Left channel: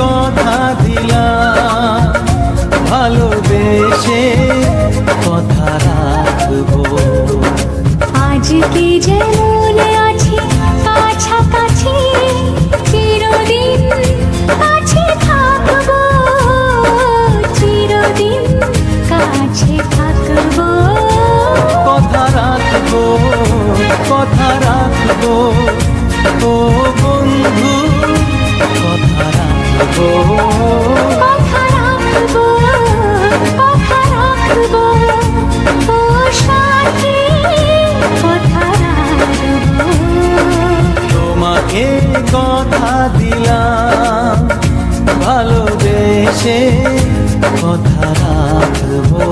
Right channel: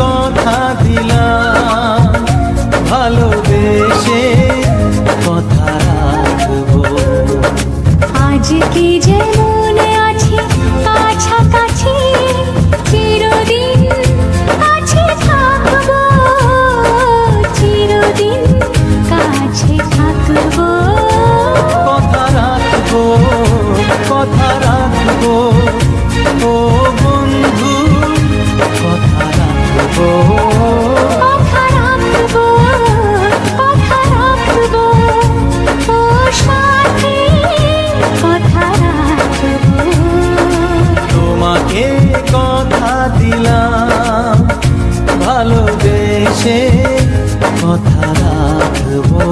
কথা দিলাম, ভালোবেসে কথা রাখবো। আজকে যেমন আছি কাছাকাছি, চিরদিন কাছে থাকবো, চিরদিন কাছে থাকবো। কথা রাখবো, কথা রাখবো, ও বন্ধু কথা রাখবো। কথা রাখবো, কথা রাখবো, ও সাথী কথা রাখবো। তোমাকে কথা দিলাম, ভালোবেসে কথা রাখবো।